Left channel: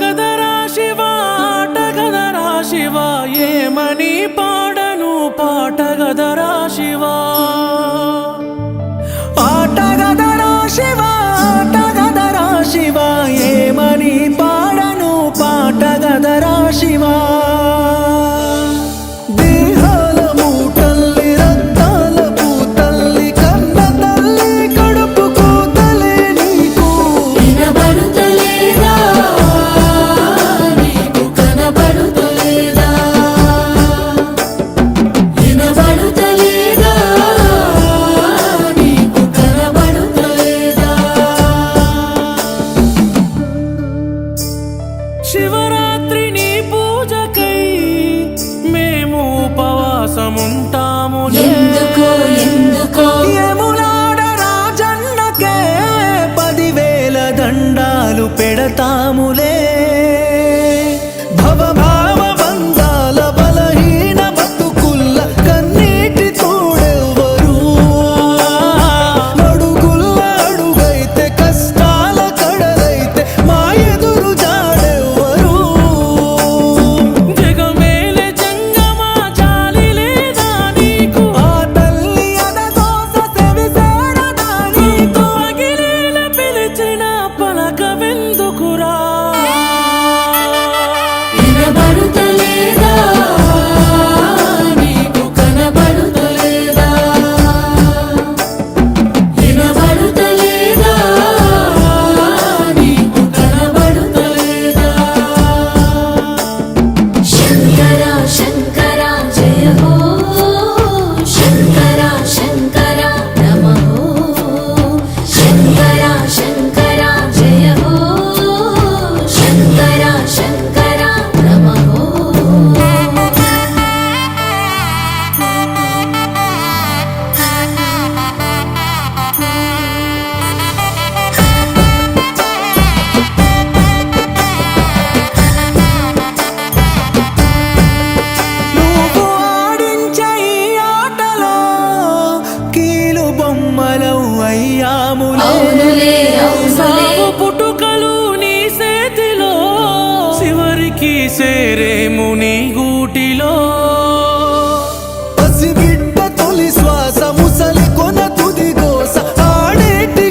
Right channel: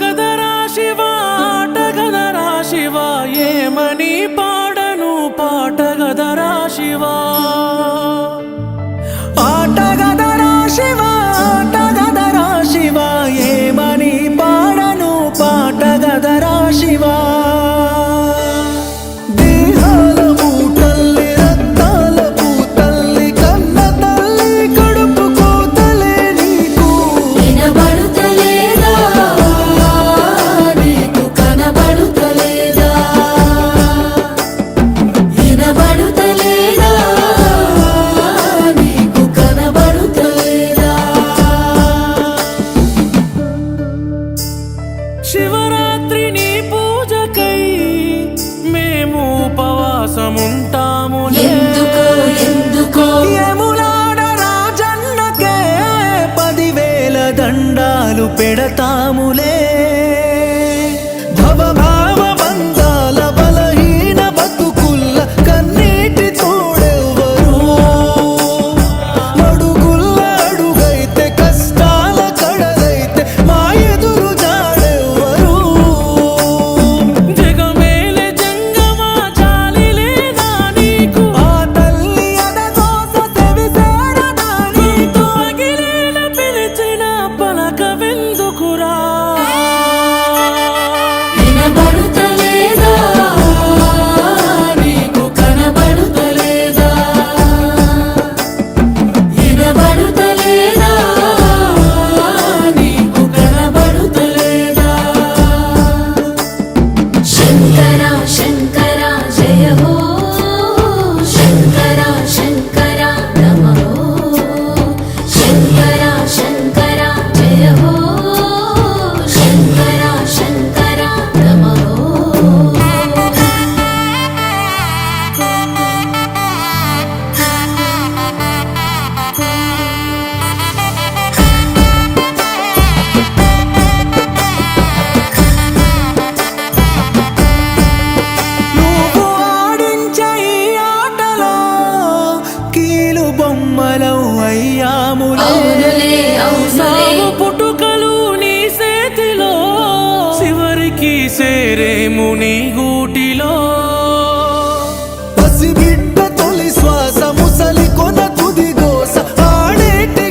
కదరా శివ ఆట కదరా శివ ఏమని పాడను పాట కదరా శివ ఆట కదరా శివ ఆట కదరా శివ ఏమని పాడను పాట కదరా శివ దేహాల మూటల్లి రక్తాల పూతల్లి కన్న తల్లి కడుపు కూతలే నీకు వినబడుతలేదా నీకు కనబడుతలేదా వినబడుతలేదా నీకు కనబడుతలేదా శివరాత్రి నీ పూజకై మేము ఉపవాసముంటాములే ఎందుకో యములాడ రాజన్నకే 10,000 దండాలు పెడతాములే భవభావ బంధాల బలహీన బతుకుల్ల కన్నీటి తోడెవ్వరు మడుగుల్ల అడుగైతే కష్టాల కడలైతే మా ఎదురు జాడెవ్వరు జగమేలే జంగమా జాలి లేదా నీకు ఆ తల్లి అదగోస సెవిసేరదా నీకు అగిలేల పిలిచిన పలకవెందుకురా వినబడుతలేదా నీకు కనబడుతలేదా వినబడుతలేదా నీకు కనబడుతలేదా శంకర శంకర జయ హో శంకర శంకర నమః శంకర శంకర జయ హో శంకర శంకర నమః నువ్వు ఆడించే ఈ ఆటలో కీలు బొమ్మలం అయ్యాములే అవునులే, అవునులే. సావు పుట్టుకలు నీ చేతిలో చివరికి సేరేము నీ గూటిలో పసిబిడ్డ తొలి శ్వాస ముసలి కొన తుది గోస ఆడేటి